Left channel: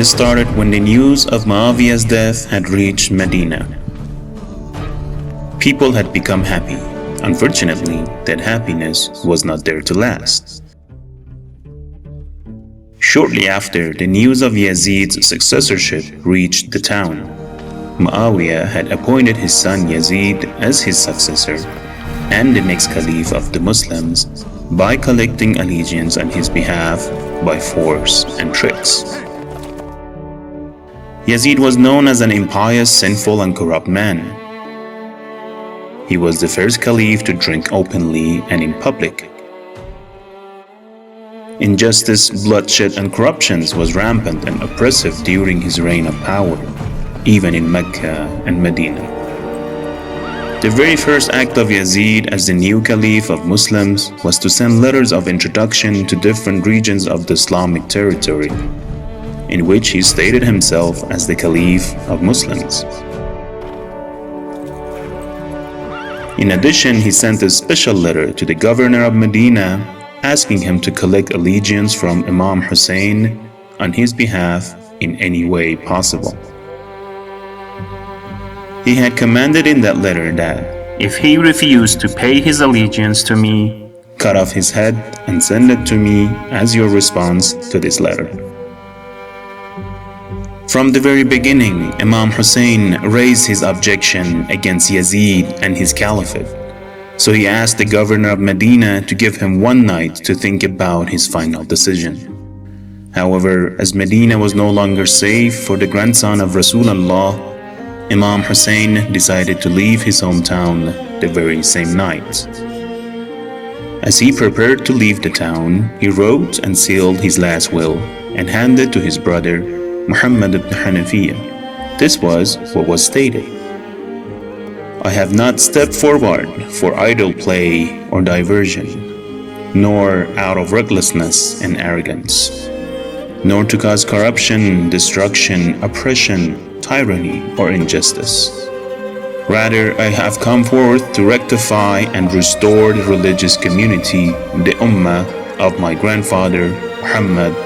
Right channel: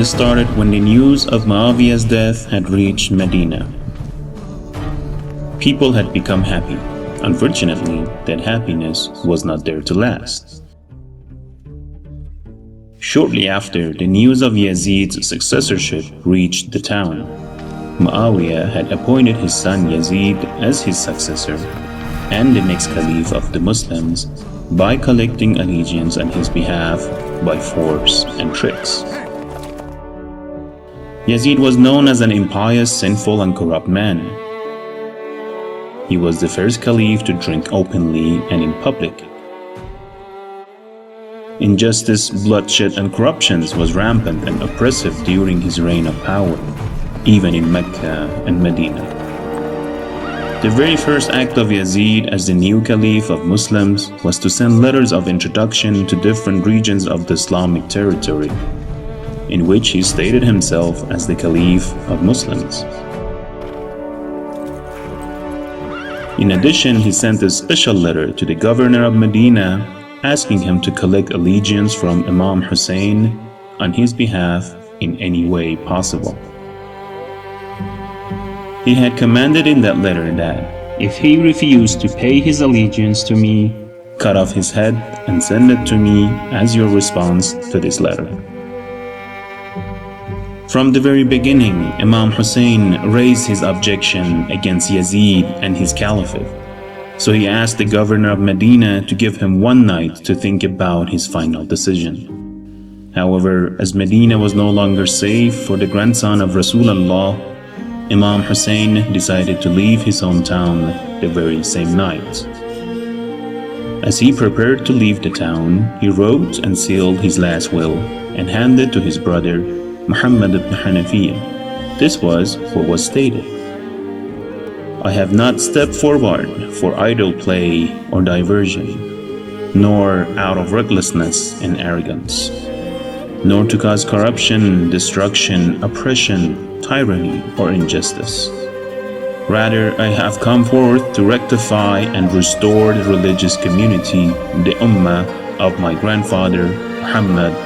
it started when the news of Muawiyah's death had reached Medina. People had become happy. Unfortunately, that happiness was not there to last. Shortly after, the news of Yazid's successorship reached the town. Muawiyah had appointed his son Yazid as his successor and the next caliph of the Muslims by collecting allegiance on his behalf by force and tricks. Yazid was known as an impious, sinful, and corrupt man. He was the first caliph to drink openly and in public. Injustice, bloodshed, and corruptions was rampant and oppressive during his reign of power, even in Mecca and Medina. The very first act of Yazid as the new caliph of Muslims was to send letters of introduction to different regions of the Islamic territory, in which he stated himself as the caliph of Muslims. In addition, he sent a special letter to the governor of Medina asking him to collect allegiance from Imam Hussein on his behalf in any way possible. He had commanded in that letter that if he refused to pay his allegiance to me, cut off his head and send it to me as your response to this letter. From the very beginning, Imam Hussein raised his objection against Yazid and his caliphate, so he asked the governor of Medina to give him one night to think about his final decision. However, as Medina was no longer safe for the grandson of Rasulullah, Imam Hussein decided to leave his hometown the very same night. As he prepared to leave the town, he wrote and sealed his last will and handed to his brother Muhammad ibn Hanafiya. This was what was stated: I have not stepped forward for idle play or diversion, nor out of recklessness and arrogance, nor to cause corruption, destruction, oppression, tyranny, or injustice. Rather, I have come forth to rectify and restore the religious community, the Ummah of my grandfather Muhammad,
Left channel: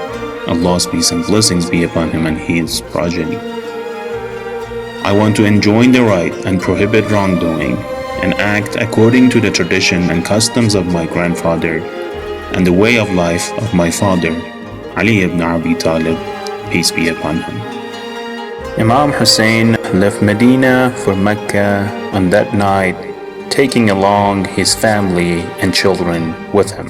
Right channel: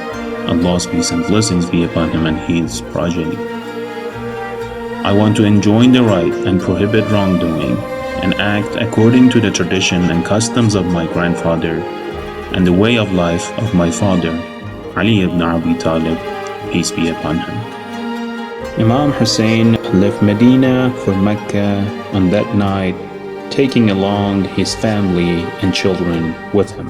Allah's peace and blessings be upon him and his progeny. I want to enjoin the right and prohibit wrongdoing, and act according to the tradition and customs of my grandfather and the way of life of my father, Ali ibn Abi Talib, peace be upon him. Imam Hussein left Medina for Mecca on that night, taking along his family and children with him.